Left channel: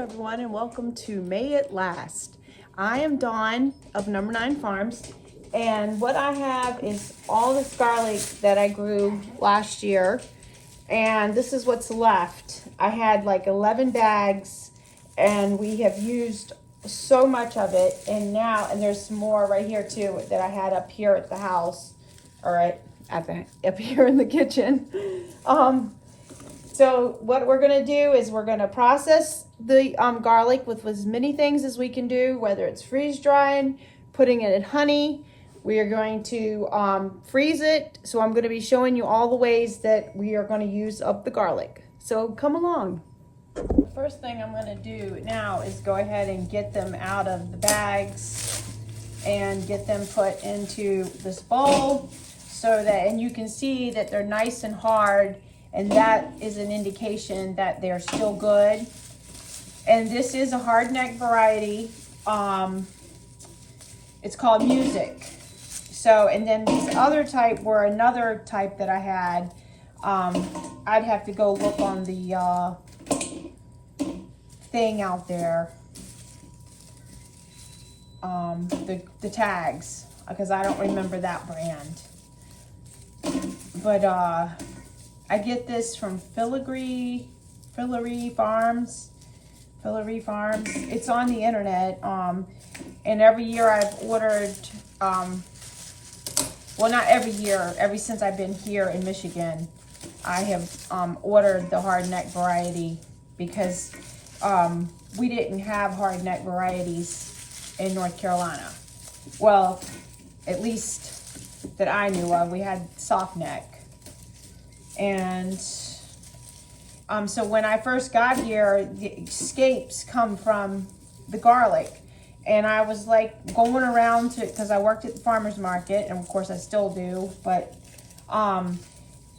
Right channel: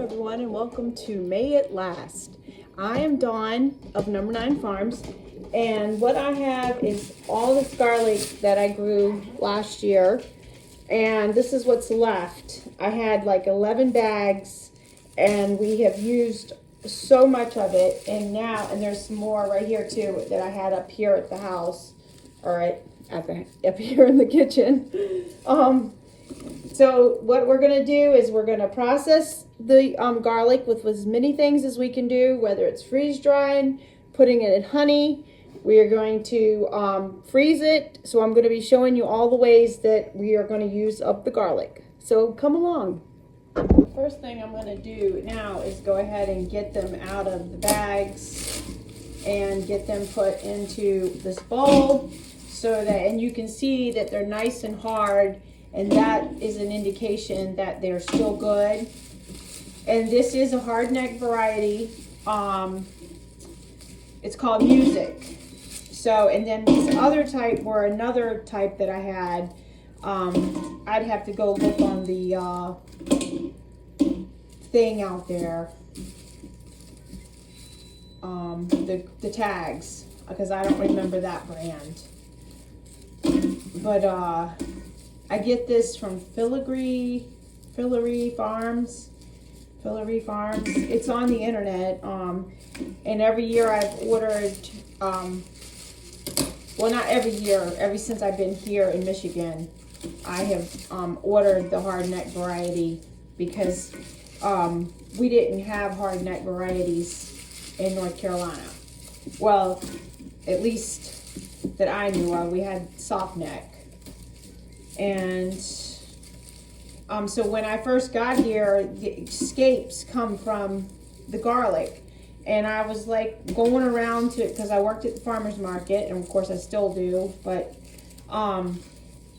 Everyone, and welcome to May It Last. I am Dawn of Number 9 Farms, and what I have is all this garlic that I grew last year, and this is what's left. I had like 11 bags, and we have used so much of it, and there's some more right here too that I had up here at the house, all right, up here in the kitchen. So what we're gonna do is we're gonna process the garlic with as many things as we can do, whether it's freeze drying, putting it in honey. We are going to freeze it. So I'm gonna be showing you all the ways that we are gonna use up the garlic. So come along. First thing I'm gonna do now is go ahead and get them out of the bags and get them put into this bowl so that, and you can see that they're nice and hard, and that is an indication that they're still good. And this is a hard neck variety. It's called Music. So, and then this other type were another type that I had. I'd have to go look on the thing out there. The tags, because I don't remember that brand. But I get this from Fillery Farms. It's on the internet. And every year I've ordered, well, not every year, ever since I've been here in Michigan, I have ordered the hard neck variety because we didn't have hard neck varieties in North Carolina. Well, at least that I knew of. We had soft neck. And so when I first got here, the escapes come from the garlic. And I was like going around to, because I worked at the farmer's market, and of course I still do, but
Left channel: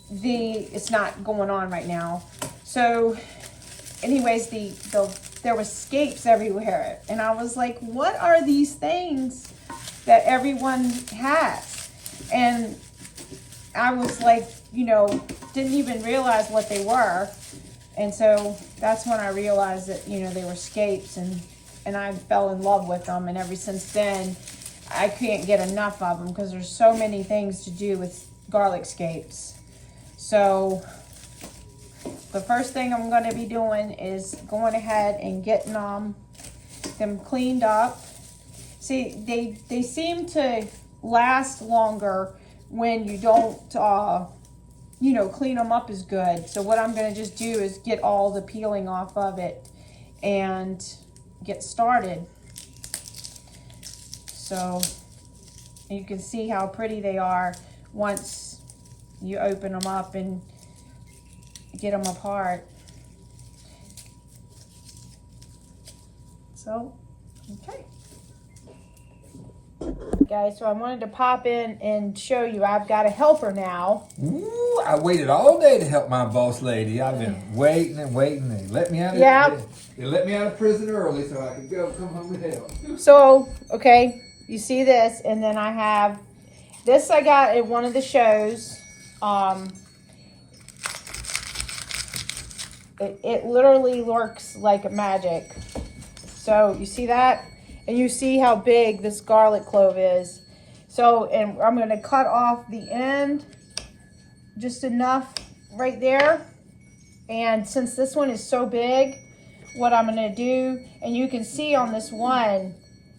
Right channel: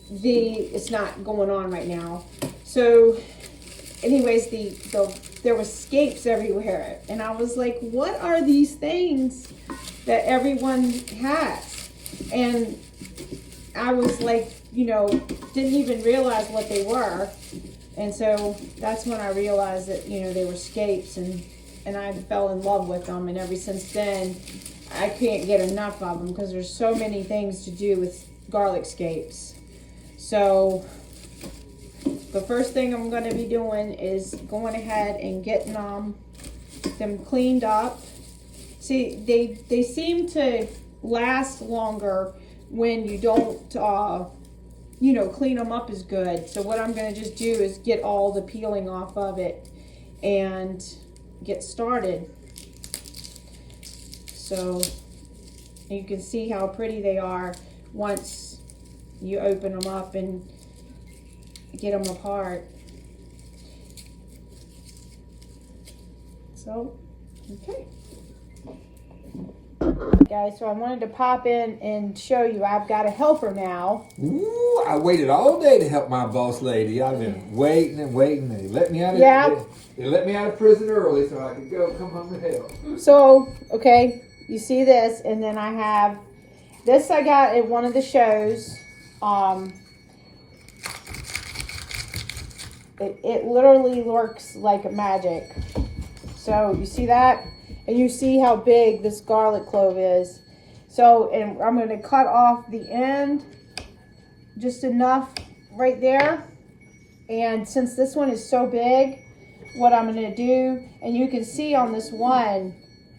it's not going on right now. So anyways, there was escapes everywhere. And I was like, what are these things that everyone has? And I was like, didn't even realize what they were. And so that's when I realized that, they were scapes, and I fell in love with them. And ever since then, I can't get enough of them because there's so many things to do with garlic scapes. So the first thing I'm going to be doing is going ahead and getting them cleaned up. See, they seem to last longer when you don't clean them up as good. So what I'm going to just do is get all the peeling off of it and get started. So you can see how pretty they are once you open them up and get them apart. So, okay. Guys, so I wanted to pop in and show you I've got a helper now. Ooh, I waited all day to help my boss lady. I've been waiting and waiting. They let me out of they let me out of prison early so I could come home and help. So, okay, you see this, and then I have this I got at one of the shows. It literally works like magic. So you see that? And you see how big this garlic clove is. So, and I'm going to cut off the end, just enough right there. And since this one is so big, what I'm going to do, and you can see on this one,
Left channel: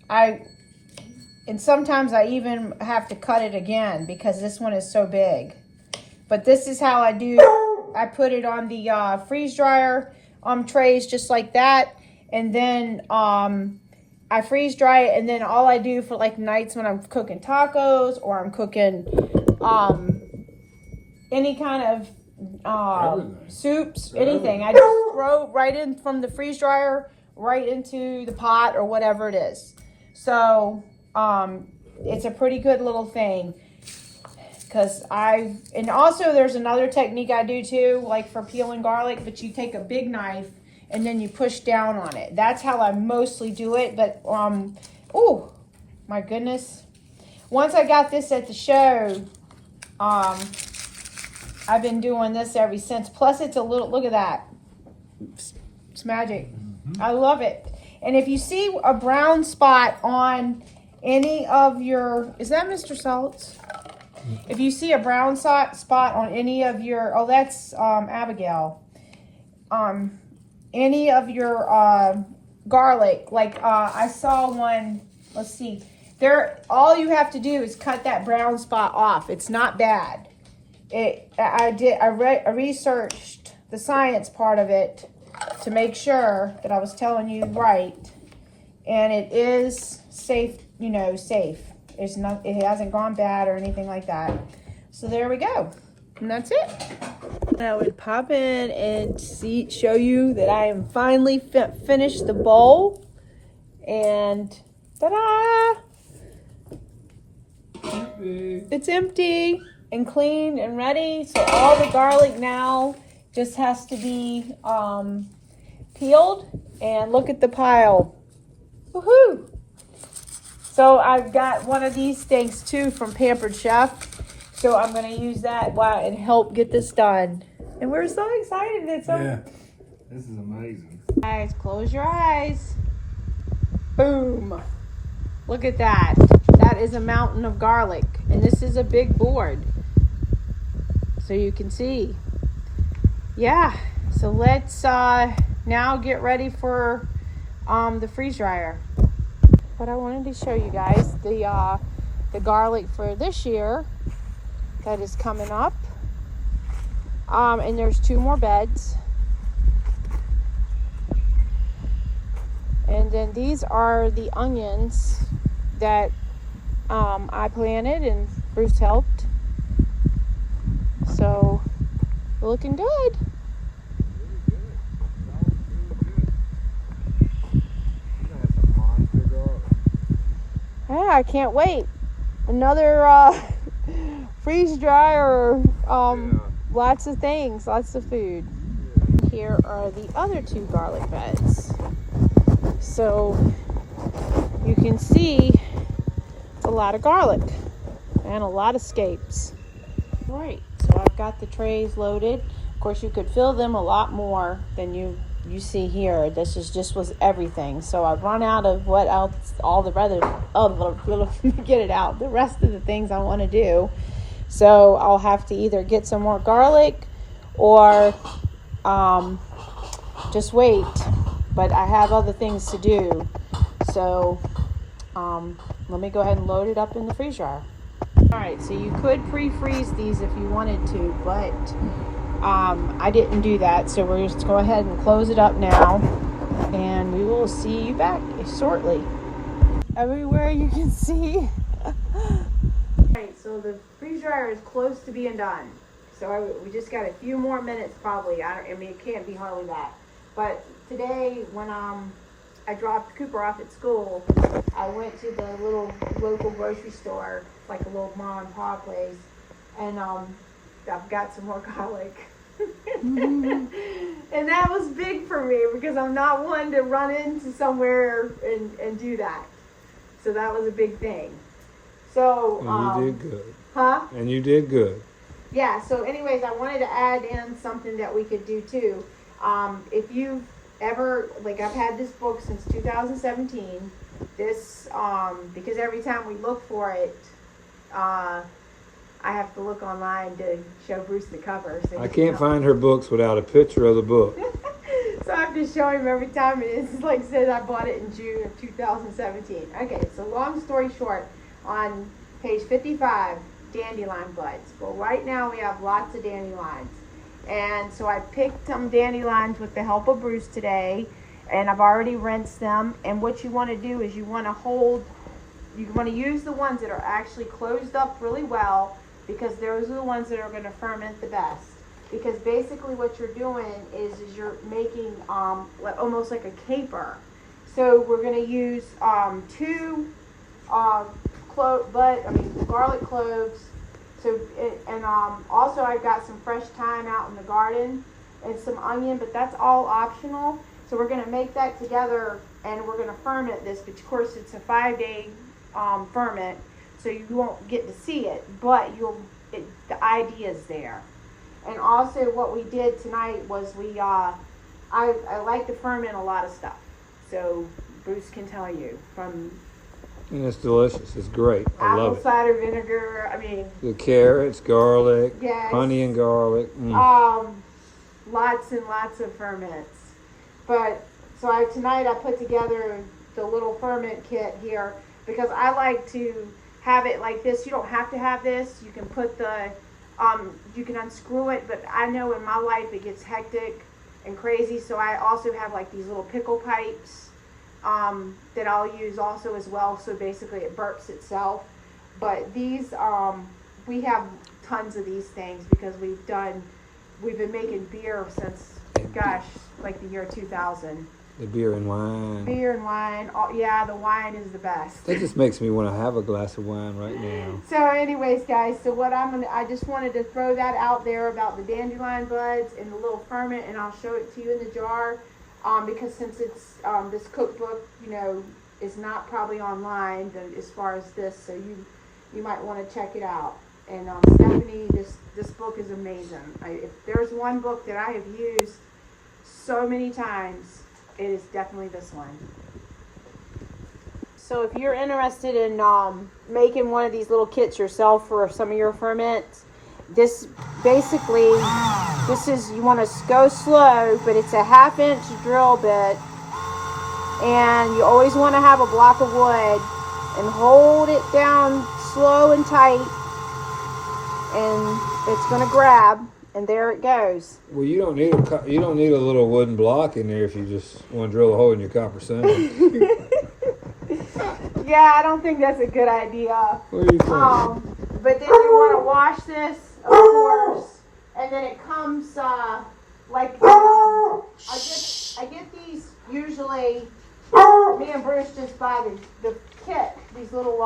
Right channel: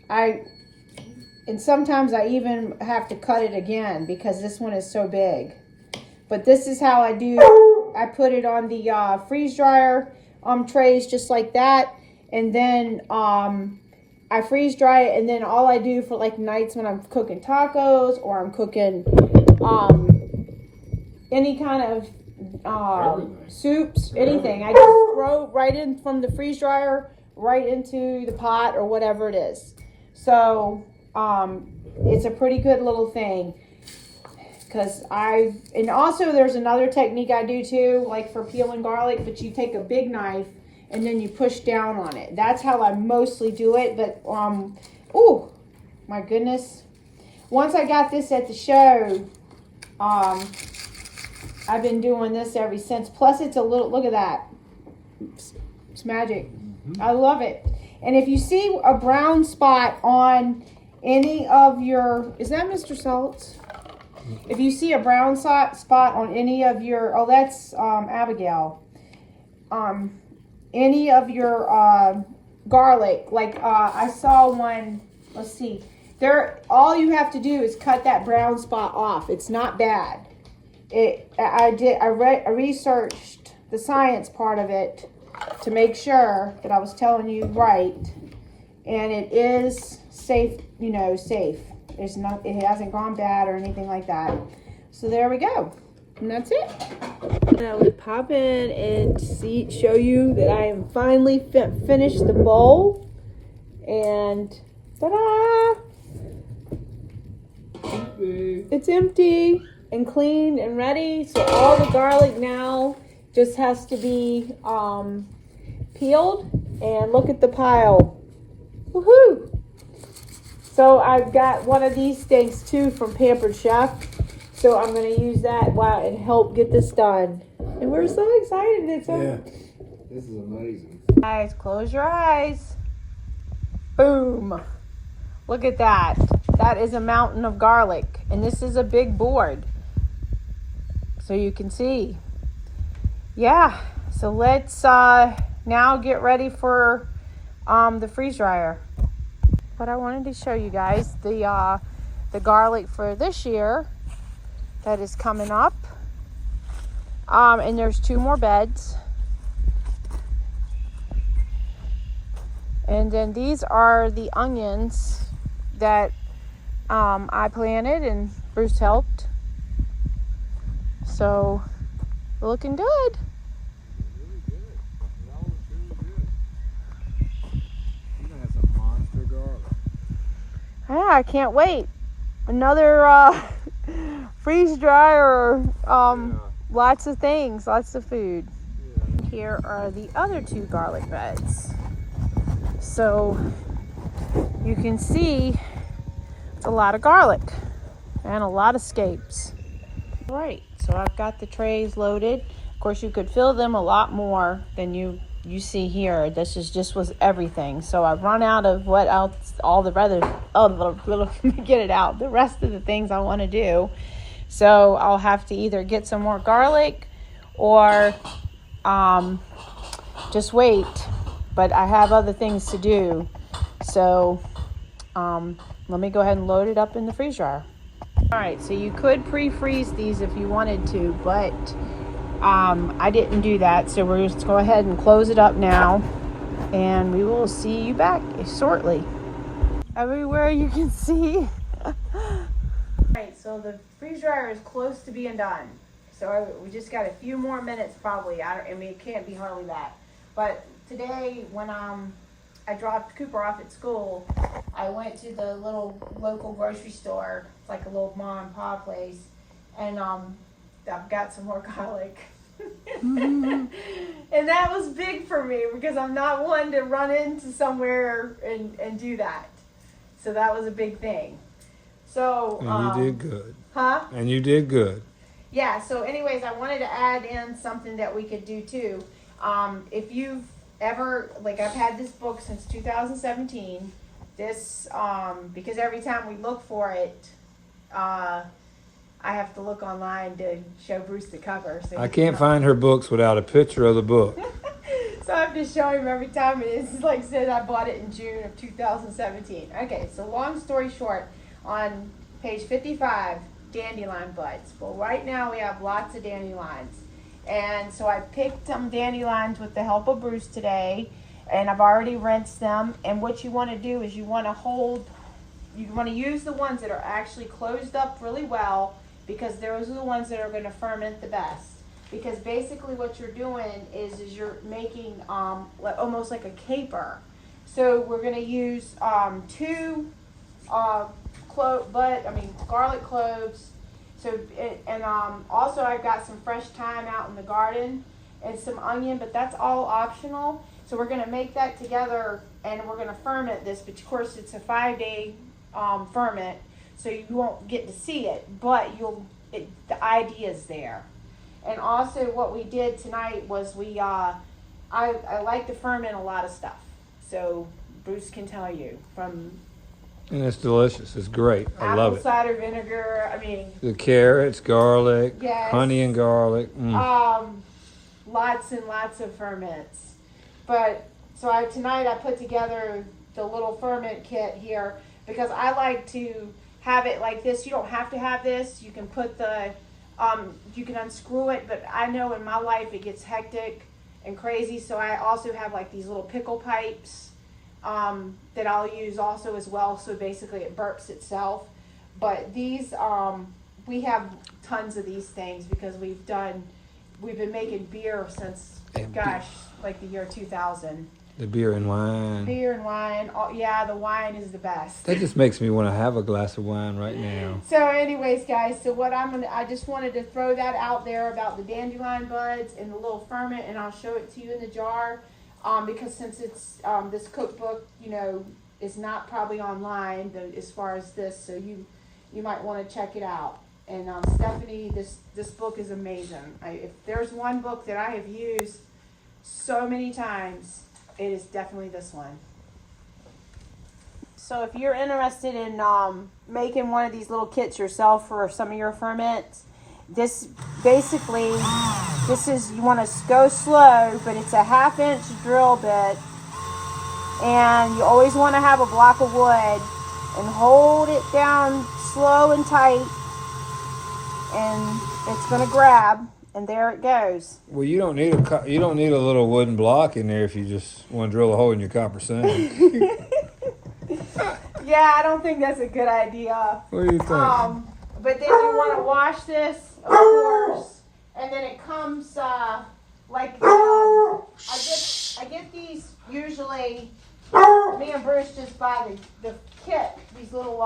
and sometimes I even have to cut it again because this one is so big. But this is how I do. I put it on the freeze dryer trays just like that. And then I freeze dry it, and then all I do for like nights when I'm cooking tacos or I'm cooking any kind of soups, anything, I just throw right in from the freeze dryer right into the pot or whatever it is. So it's a pretty good little thing. And also there's another technique I do too, like for peeling garlic, but you take a big knife and then you push down on it. That's how I mostly do it. But, oh, my goodness. Once I got this at the show, I've been doing this ever since. Plus, it's a little, look at that. It's magic. I love it. And if you see a brown spot on any of your, is that Mr. Saltz? If you see a brown spot on any of your, oh, that's Abigail. Any of your garlic, like I saw one, let's see. There, all you have to do is cut that brown spot off. It's not bad. I researched the science part of it to make sure that I was telling you right, and it is safe. You know, safe. There's no, it hasn't gone bad or anything like that. So there we go, and that's it. And I would pop in and show you that I am finally finished the bowl, and ta-da! It's empty and clean and ready. So all the garlic now just has to be peeled, and look at the pile. Woohoo! So I've got one of these things too from Pampered Chef. So I'm going to use that and help get this done. And we're so excited. Yeah, this is amazing. Guys, close your eyes. Boom. Look at that. That is a mountain of garlic. And this is a big board. So you can see. Yeah. So let's now get ready for the freeze dryer. But I wanted to show you guys the garlic for this year that is coming up. And there's 2 more beds. And then these are the onions that I planted and Bruce helped. So we're looking good. Yeah, I can't wait. Another freeze dryer, lots of things, lots of food. Yeah. Here are the other 2 garlic beds. So you can see it's a lot of garlic and a lot of scapes. All right, so I've got the trays loaded. Of course, you could fill them a lot more than you see here. This is just was everything. So I've run out of what else, all the let me get it out. The rest of the things I want to do. So I'll have to either get some more garlic or just wait. But I have other things to do. So let me go ahead and load it up in the freeze dryer. All right, so you could pre-freeze these if you wanted to, but I didn't do that. So we're just go ahead and close it up now, and we will see you back shortly. Everywhere you can see. Alright, so the freeze dryer is close to being done. So we just got a few more minutes probably. I mean, it can't be hardly that. But today when I dropped Cooper off at school, I went to the little local grocery store, like a little mom and pop place, and I've got some more garlic. And that was big for me because I'm not one to run into somewhere and do that. So that was a big thing. So and you did good. Huh? And you did good. Yeah, so anyways, I wanted to add in something that we could do too. If you've ever, like, I've had this book since 2017. This, because every time we look for it, I have to look online to show Bruce the cover. So I can't find her books without a picture of the book. So I have to show him every time. It's like I said, I bought it in June of 2017. Okay, so long story short, on page 55, dandelion buds. Well, right now we have lots of dandelions. And so I picked some dandelions with the help of Bruce today, and I've already rinsed them. And what you want to do is you want to use the ones that are actually closed up really well, because those are the ones that are going to ferment the best. Because basically what you're doing is you're making almost like a caper. So we're going to use 2 garlic cloves. So also I've got some fresh thyme out in the garden and some onion, but that's all optional. So we're going to make that together and we're going to ferment this. But of course it's a 5-day ferment, so you won't get to see it, but the idea is there. And also what we did tonight was we I like to ferment a lot of stuff. So Bruce can tell you, from And it's delicious. It's great. I love apple it. cider vinegar. I mean, The carrots, garlic, yes. honey and garlic. Lots and lots of ferments. But so tonight I put together the little ferment kit here because I like to have it like this. You don't have to have this. You can put you can unscrew it, but I know in my life it gets hectic and crazy, so I also have like these little pickle pipes that I'll use also as well. So basically it burps itself. But these, we have tons of these things because we've been making beer since, gosh, like the year 2000. The beer and wine. Beer and wine. Oh, yeah, the wine is the best. That just makes me want to have a glass of wine right now. So anyways, guys, so I just wanted to throw that out there about the dandelion buds and the little ferment, and I'll show it to you in the jar. Because since it's, this cookbook, is not probably online as far as this, so you might want to check it out. And Stephanie, this book is amazing. If there's one book that I have used so many times, it is definitely this one. So if you're interested in making one of these little kits yourself for some of your ferments, this is, you want to go slow, but it's a 1/2-inch drill bit, and you always want to have a block of wood and hold it down slow and tight, and it's going to grab, and there it goes. Well, you don't need a little wooden block in there if you just want to drill a hole in your copper sandwich. Yeah, I don't think that's a good idea. What do you think? But then you want to wash this, of course, and then it comes like I get these usually. Me and Bruce just buy the kit, these little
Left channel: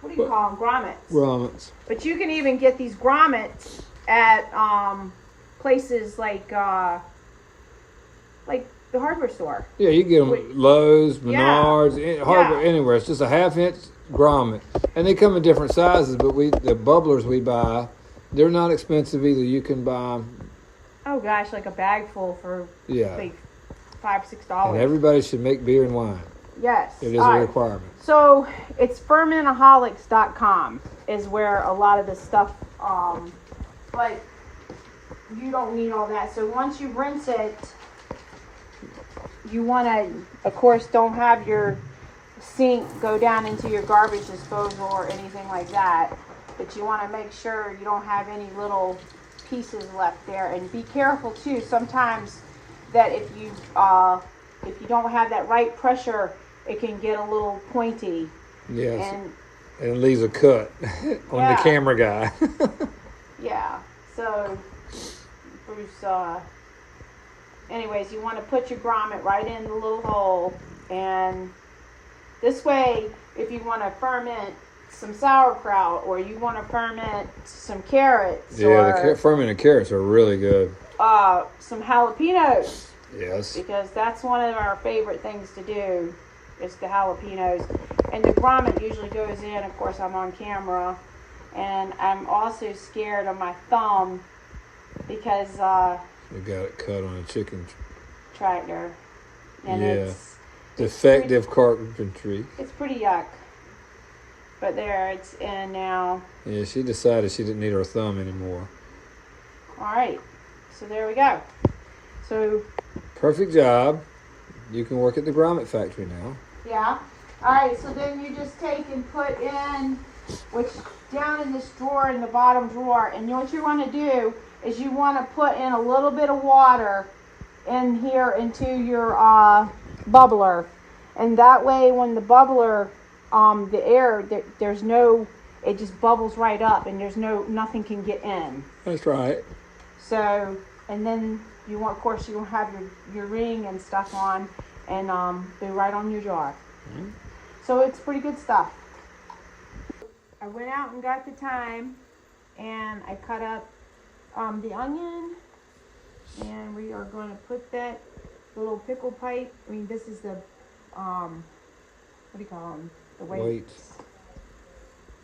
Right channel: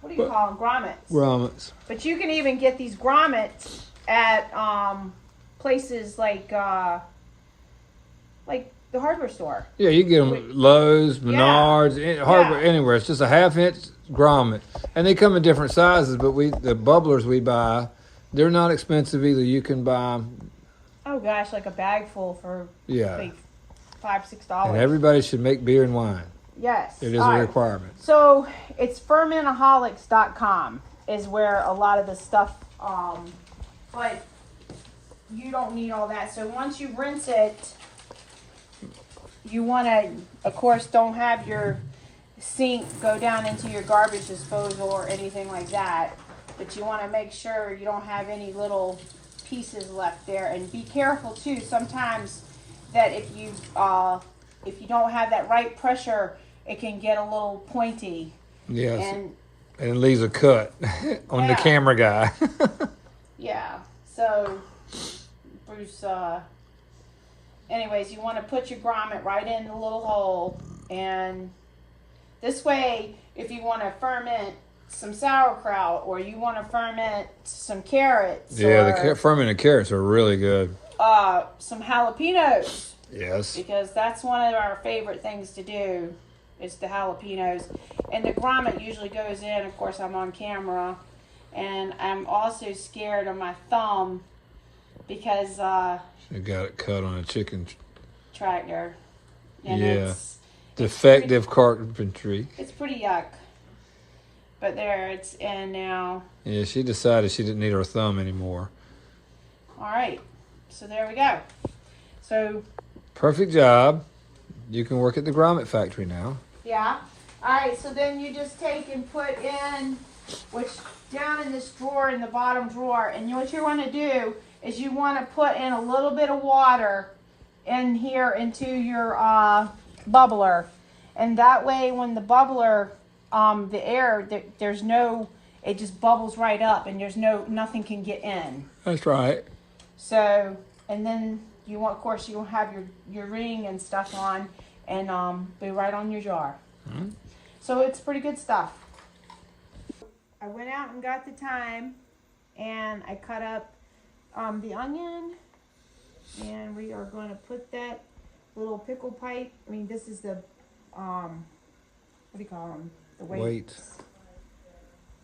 what do you call them, grommets. Grommets. But you can even get these grommets at places like the hardware store. Yeah, you get them at Lowe's, Menards, hardware, anywhere. It's just a 1/2-inch grommet, and they come in different sizes. But the bubblers we buy, they're not expensive either. You can buy them. Oh gosh, like a bag full for like $5-6. And everybody should make beer and wine. Yes, it is a requirement. So it's fermentaholics.com is where a lot of the stuff. But you don't need all that. So once you rinse it, you want to, of course, don't have your sink go down into your garbage disposal or anything like that. But you want to make sure you don't have any little pieces left there. And be careful too. Sometimes that if you don't have that right pressure, it can get a little pointy. Yes. And it leaves a cut on the camera guy. Yeah. So Bruce, anyways, you want to put your grommet right in the little hole, and this way, if you want to ferment some sauerkraut or you want to ferment some carrots, the fermented carrots are really good. Some jalapenos. Yes. Because that's one of our favorite things to do is the jalapenos, and the grommet usually goes in. Of course, I'm on camera, and I'm also scared of my thumb because you got it cut on a chicken tractor, and it's defective carpentry. It's pretty yuck, but there it's in now. Yeah, she decided she didn't need her thumb anymore. All right, so there we go. So perfect job. You can work at the grommet factory now. Yeah. All right, so then you just take and put in, which down in this drawer, in the bottom drawer, and what you want to do is you want to put in a little bit of water in here into your bubbler, and that way when the bubbler, the air, there's no, it just bubbles right up, and there's nothing can get in. That's right. So, and then you want, of course, you will have your ring and stuff on, and be right on your jar. Mm-hmm. So it's pretty good stuff. I went out and got the thyme, and I cut up the onion, and we are going to put that little pickle pipe. I mean, this is the what do you call them? The weights.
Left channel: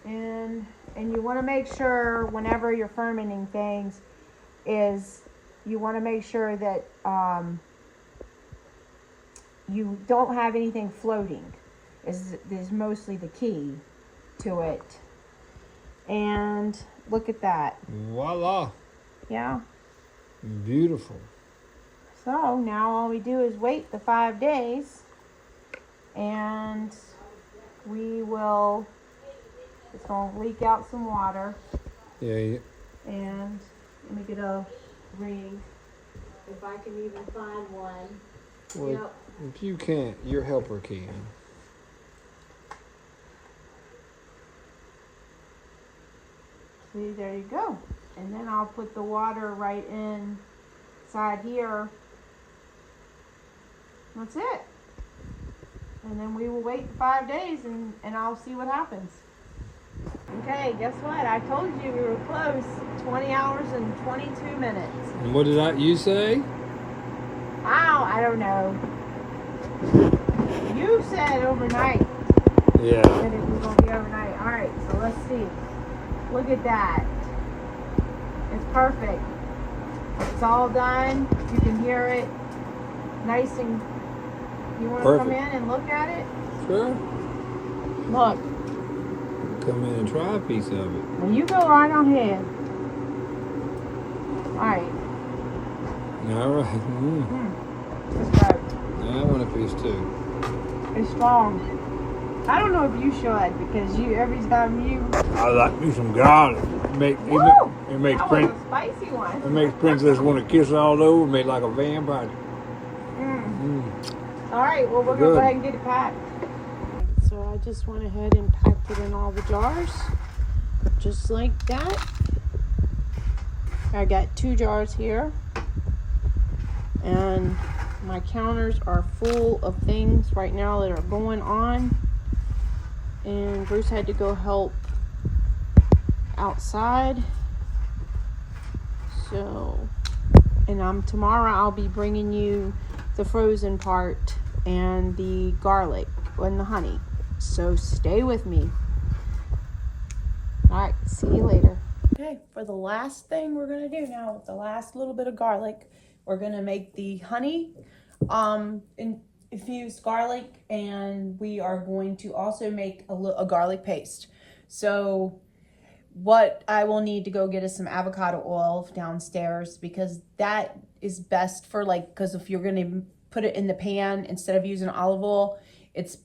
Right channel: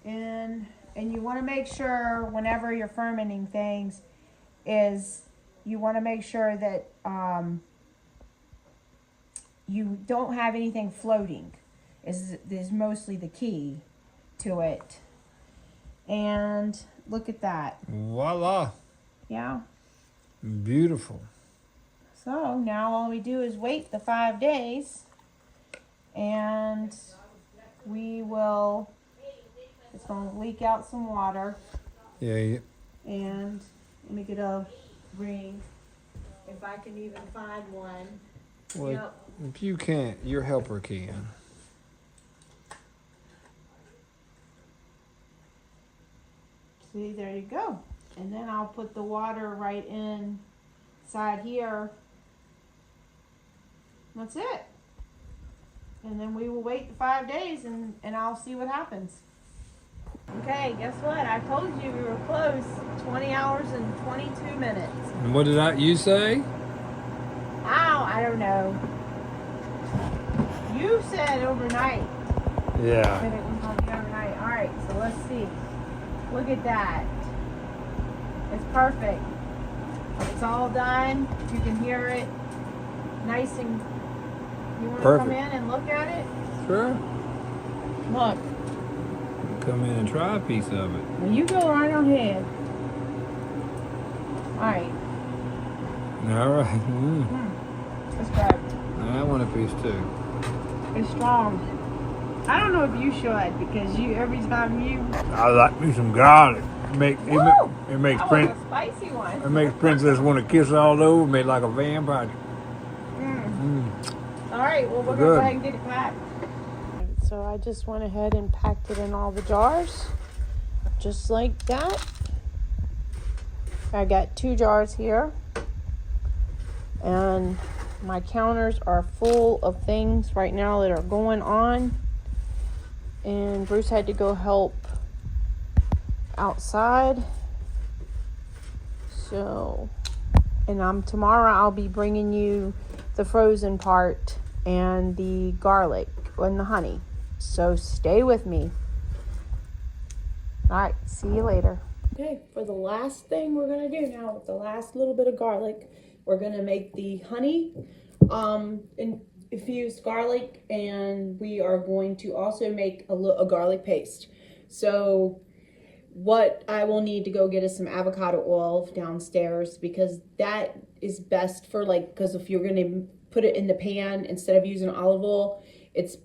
And you want to make sure whenever you're fermenting things is you want to make sure that you don't have anything floating is mostly the key to it. And look at that. Voila. Yeah. Beautiful. So now all we do is wait the 5 days, and we will, it's going to leak out some water. Yeah. And let me get a ring, if I can even find one. Well, Yep. if you can't, your helper can. See, there you go. And then I'll put the water right inside here. That's it. And then we will wait 5 days, and I'll see what happens. Okay, guess what? I told you we were close. 20 hours and 22 minutes. And what did you say? Wow, I don't know. You said overnight. Yeah. That it was going to be overnight. All right, so let's see. Look at that. It's perfect. It's all done. You can hear it. Nice and... You want to come in and look at it? Sure. Look. Come in and try a piece of it. Well, you go right on ahead. All right. All right. That's right. I want a piece too. It's strong. I don't know if you should, because you every time you... I like me some garlic. It makes That was a spicy one. It makes Princess want to kiss all over me like a vampire. All right, well, we're going to go ahead and get it packed. So I just went ahead and packed it in all the jars, just like that. I got 2 jars here, and my counters are full of things right now that are going on, and Bruce had to go help outside. So, and tomorrow I'll be bringing you the frozen part and the garlic and the honey. So stay with me. All right, see you later. Okay, for the last thing we're gonna do now, with the last little bit of garlic, we're gonna make the honey infused garlic, and we are going to also make a garlic paste. So what I will need to go get is some avocado oil downstairs, because that is best for because if you're gonna put it in the pan instead of using olive oil, it's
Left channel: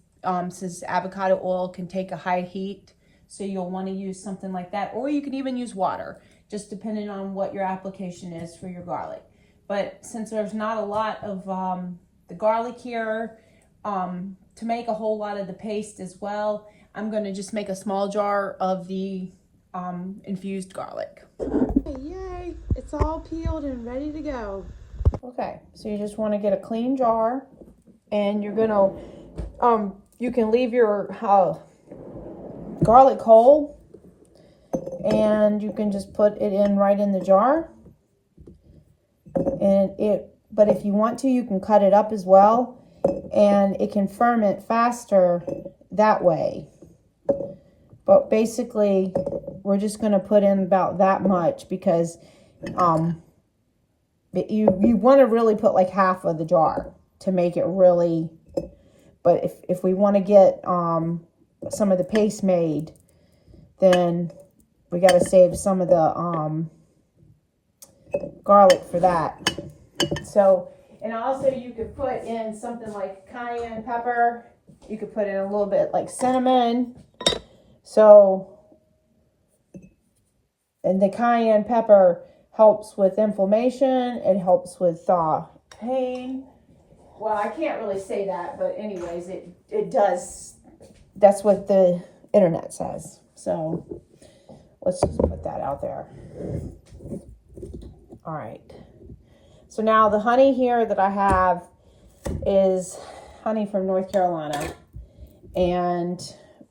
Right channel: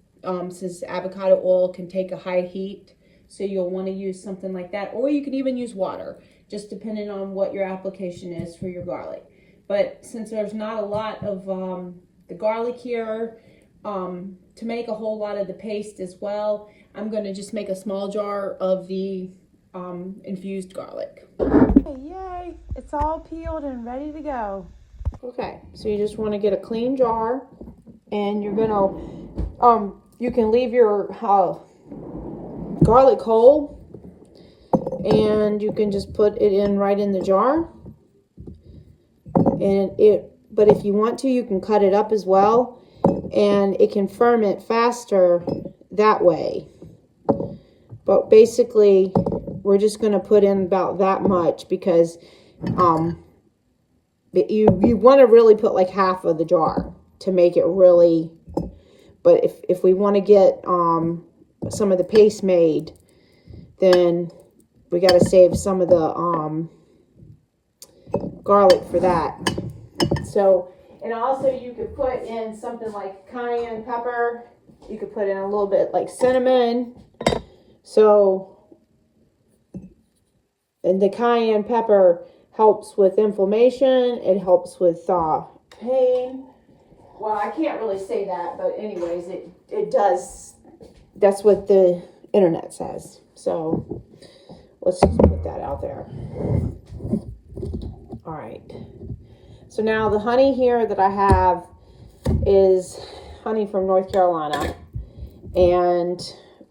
since avocado oil can take a high heat, so you'll want to use something like that, or you can even use water, just depending on what your application is for your garlic. But since there's not a lot of the garlic here to make a whole lot of the paste as well, I'm going to just make a small jar of the infused garlic. Yay, it's all peeled and ready to go. Okay, so you just want to get a clean jar, and you're gonna you can leave your garlic whole, and you can just put it in right in the jar, but if you want to, you can cut it up as well, and it can ferment faster that way. But basically, we're just going to put in about that much, because you want to really put like half of the jar to make it really. But if we want to get some of the paste made, then we got to save some of the garlic for that. So, and also you could put in something like cayenne pepper. You could put in a little bit like cinnamon. So, and the cayenne pepper helps with inflammation. It helps with pain. Well, I can't really say that, but anyways, it does. That's what the internet says. So let's just put that out there. All right. So now the honey here that I have is honey from North Carolina. And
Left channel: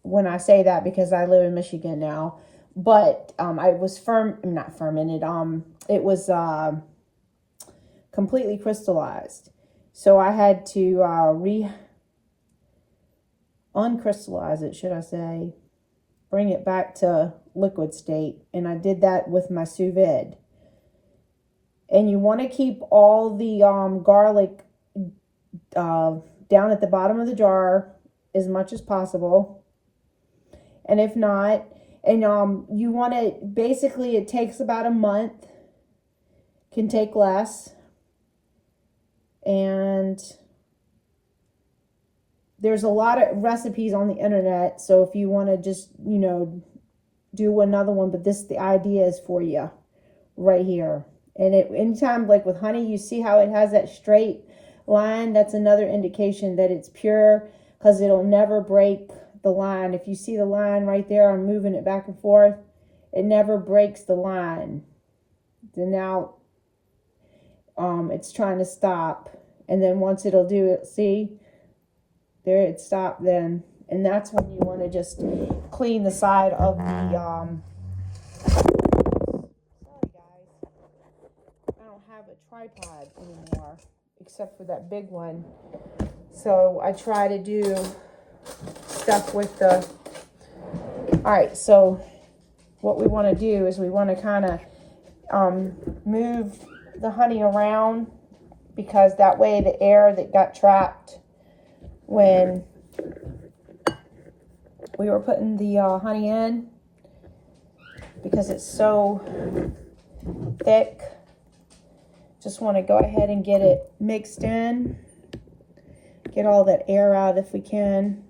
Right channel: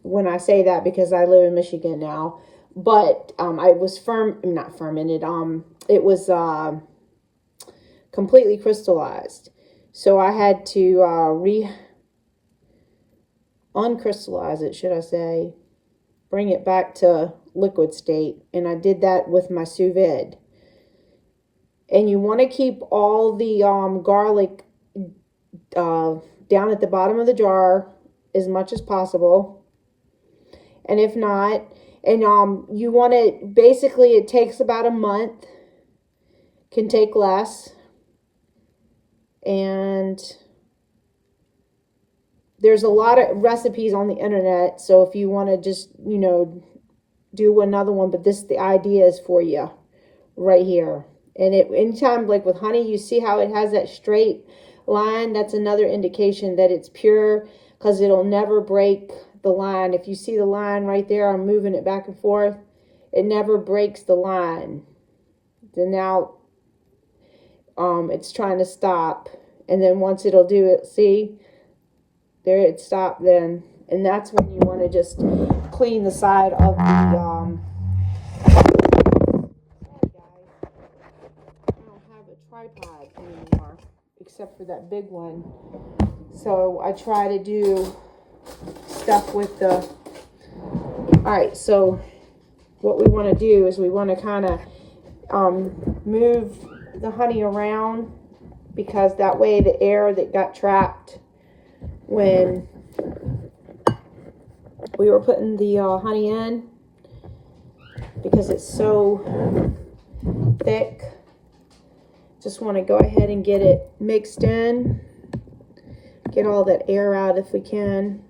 when I say that, because I live in Michigan now, but I was not fermented. It was completely crystallized. So I had to uncrystallize it, should I say, bring it back to liquid state. And I did that with my sous vide. And you want to keep all the garlic down at the bottom of the jar as much as possible. And if not, and you want to, basically it takes about a month, can take less. And there's a lot of recipes on the internet, so if you want to just, you know, do another one, but this, the idea is for you right here. And it, anytime, like with honey, you see how it has that straight line, that's another indication that it's pure, because it'll never break the line. If you see the line right there, I'm moving it back and forth, it never breaks the line. Then now it's trying to stop, and then once it'll do it, see there, it stopped then. And that's when you want to just clean the side of the sorry guys, I don't have a tripod anymore except for that big one, so I try to do stuff with the, all right, so what we want to do is we want to kind of move the honey around, because that way the air that got trapped when we were putting the honey in, because it's so thick, just want to go ahead and get it mixed in, get all that air out if we can.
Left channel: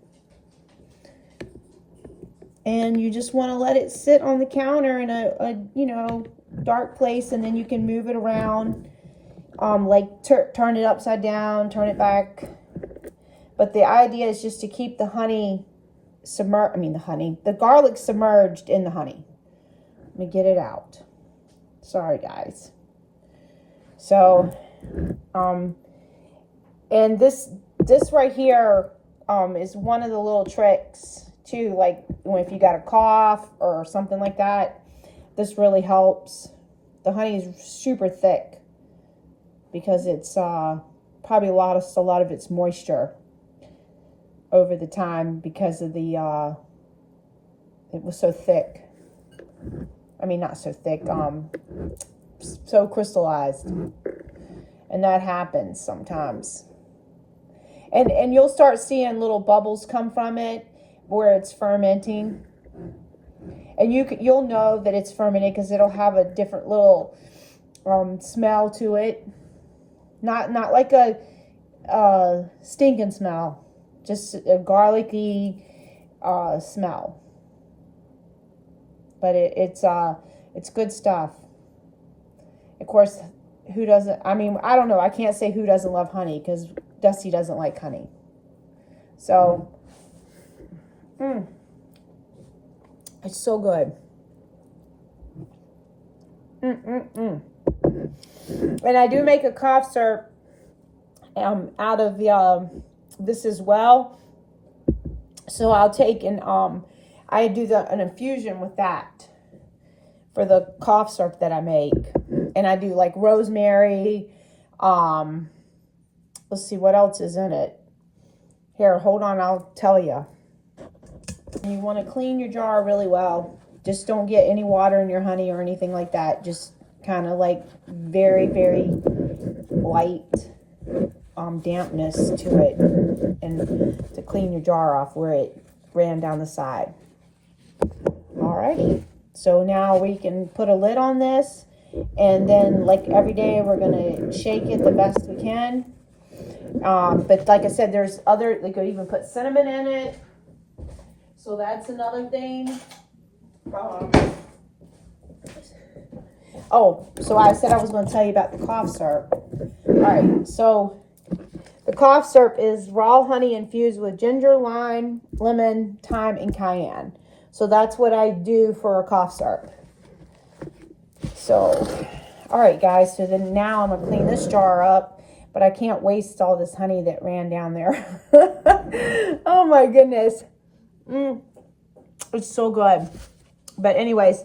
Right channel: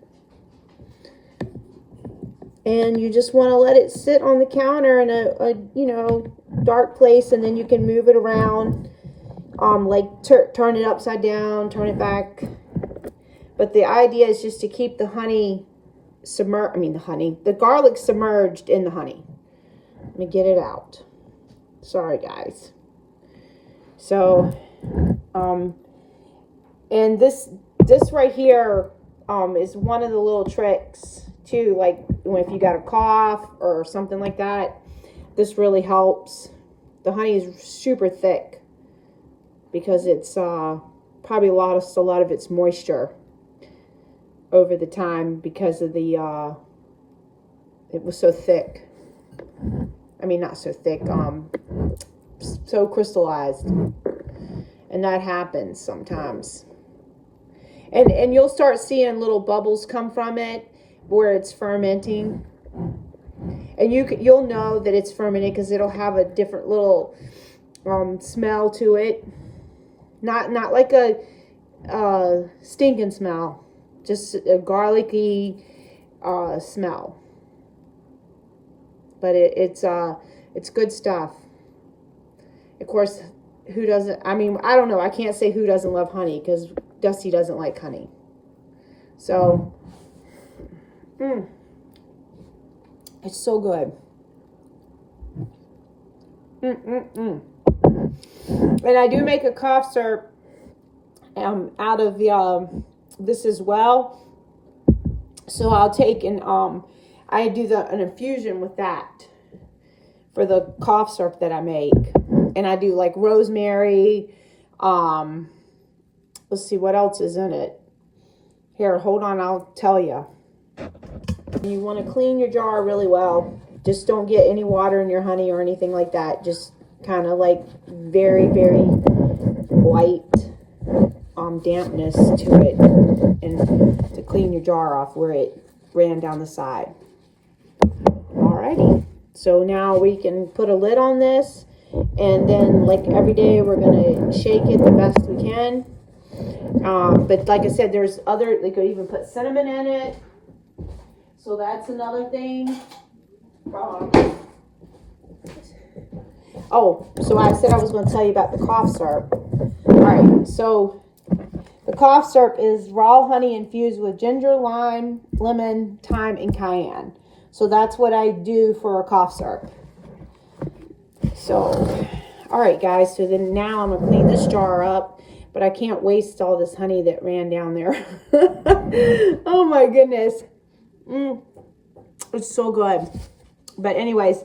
And you just want to let it sit on the counter in a you know, dark place, and then you can move it around, like turn it upside down, turn it back. But the idea is just to keep the honey the garlic submerged in the honey. Let me get it out. Sorry guys. So and this right here is one of the little tricks too, like if you got a cough or something like that, this really helps. The honey is super thick because it's probably a lot of its moisture over the time, because of the it was so thick. I mean, not so thick, so crystallized. And that happens sometimes. And you'll start seeing little bubbles come from it where it's fermenting. And you'll know that it's fermented because it'll have a different little smell to it. Not like a stinking smell, just a garlicky smell. But it's good stuff. Of course, who doesn't? I mean, I don't know. I can't say who doesn't love honey, because Dusty doesn't like honey. So, it's so good. And I do make a cough syrup out of this as well. So I'll take and I do an infusion with that for the cough syrup that I make. And I do like rosemary. Let's see what else is in it. Here, hold on, I'll tell you. You want to clean your jar really well. Just don't get any water in your honey or anything like that. Just kind of like very, very light dampness to it, and to clean your jar off where it ran down the side. Alrighty, so now we can put a lid on this, and then like every day we're gonna shake it the best we can. But like I said, there's other, they could even put cinnamon in it, so that's another thing. Oh, so I said I was going to tell you about the cough syrup. Alright, so the cough syrup is raw honey infused with ginger, lime, lemon, thyme, and cayenne. So that's what I do for a cough syrup. So, alright guys, so then now I'm going to clean this jar up, but I can't waste all this honey that ran down there. Oh my goodness. It's so good. But anyways,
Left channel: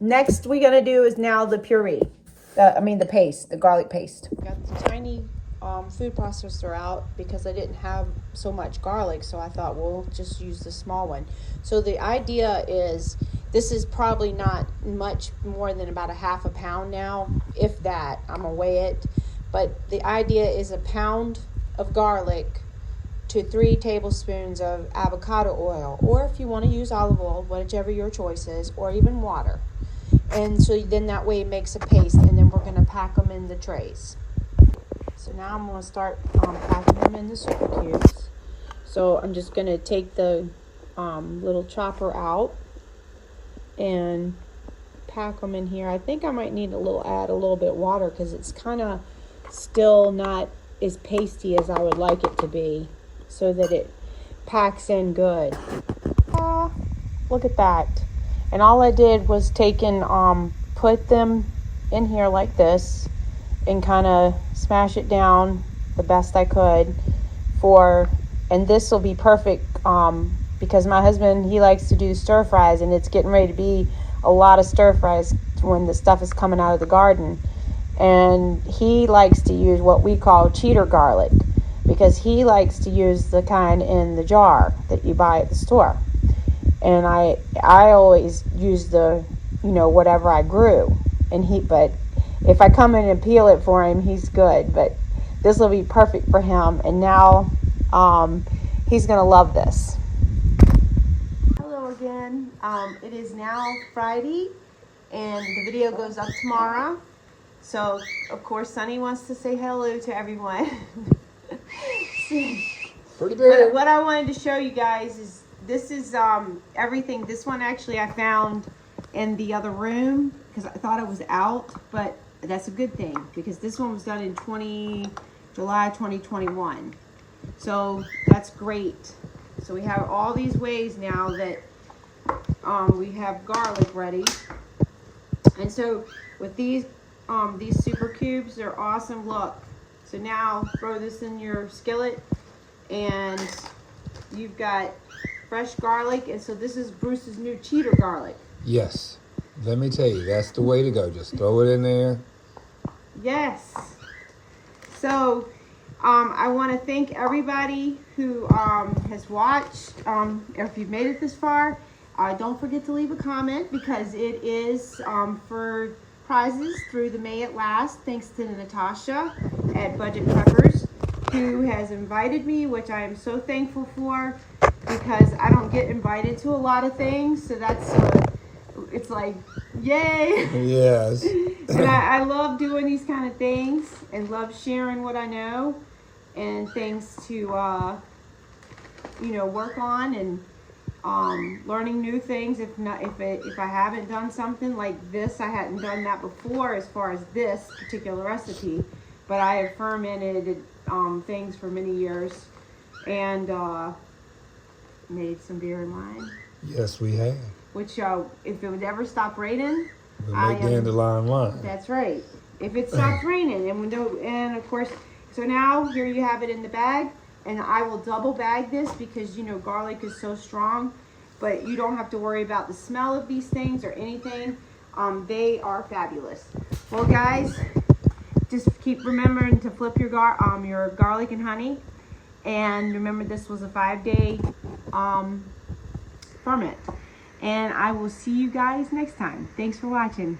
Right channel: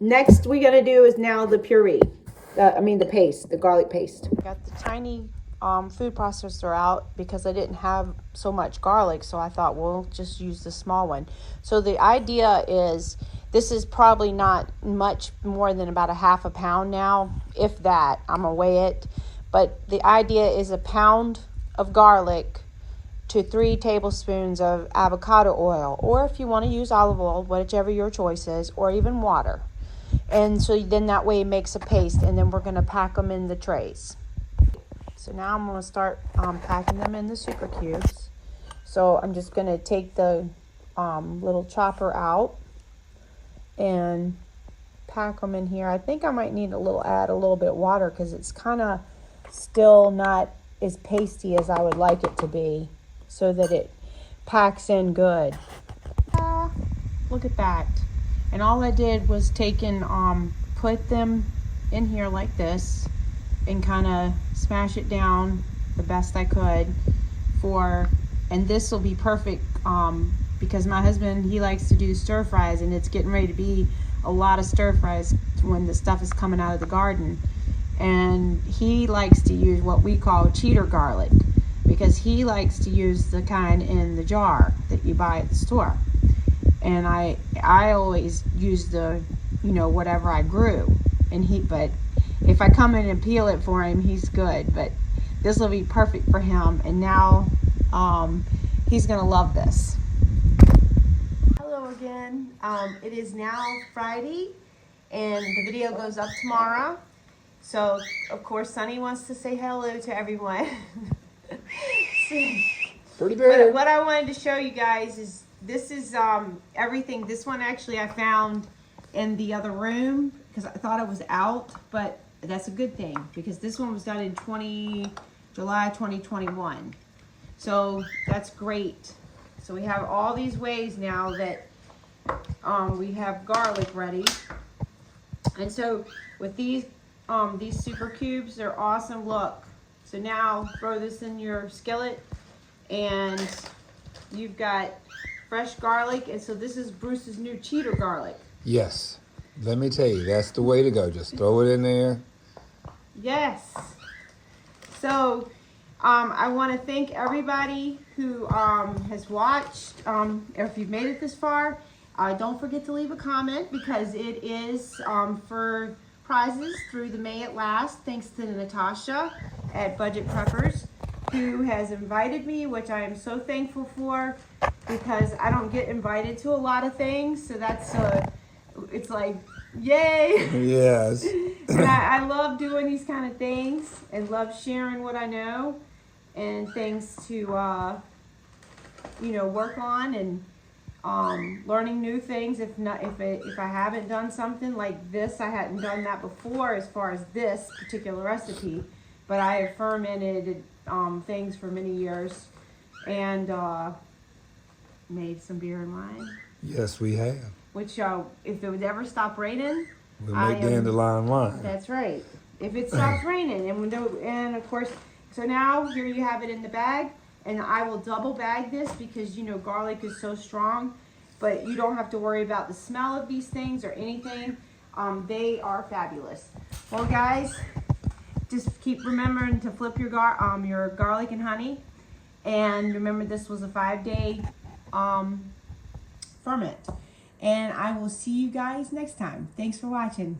next we're going to do is now the puree. The paste, the garlic paste. Got the tiny food processor out because I didn't have so much garlic, so I thought we'll just use the small one. So the idea is, this is probably not much more than about a half a pound now, if that. I'm gonna weigh it, but the idea is a pound of garlic to 3 tablespoons of avocado oil, or if you want to use olive oil, whichever your choice is, or even water. And so then that way it makes a paste, and then we're going to pack them in the trays. So now I'm going to start packing them in the super cubes. So I'm just going to take the little chopper out and pack them in here. I think I might need add a little bit of water because it's kind of still not as pasty as I would like it to be, so that it packs in good. Look at that. And all I did was put them in here like this and kind of smash it down the best I could and this will be perfect because my husband, he likes to do stir fries, and it's getting ready to be a lot of stir fries when the stuff is coming out of the garden. And he likes to use what we call cheater garlic, because he likes to use the kind in the jar that you buy at the store. And I always use the, whatever I grew. But if I come in and peel it for him, he's good. But this will be perfect for him. And now he's gonna love this. Hello again. It is now Friday, and the video goes up tomorrow. So of course Sunny wants to say hello to everyone. Pretty big. But what I wanted to show you guys is this is everything. This one actually I found in the other room because I thought it was out, but that's a good thing because this one was done in July 2021. So that's great. So we have all these ways now that we have garlic ready. And so with these super cubes, they're awesome. Look. So now throw this in your skillet, and you've got fresh garlic. And so this is Bruce's new cheater garlic. Yes. Let me tell you, that's the way to go. Just throw it in there. Yes. So I want to thank everybody who has watched. If you've made it this far, don't forget to leave a comment because it is for prizes through the May It Last. Thanks to Natasha at Budget Preppers, who has invited me, which I am so thankful for because I don't get invited to a lot of things. So that's it's like, yay. Yes. And I love doing these kind of things and love sharing what I know and things to, work on and learning new things. If I haven't done something like this, I hadn't done that before as far as this particular recipe, but I have fermented things for many years and made some beer and wine. Yes, we have. Which, if it would ever stop raining, We'll make dandelion wine. That's right. If it stops raining, and of course, so now here you have it in the bag, and I will double bag this because garlic is so strong, but you don't have to worry about the smell of these things or anything. They are fabulous. Well, guys, just keep remembering to flip your garlic and honey, and remember this was a 5-day ferment. And I will see you guys next time. Thanks for watching.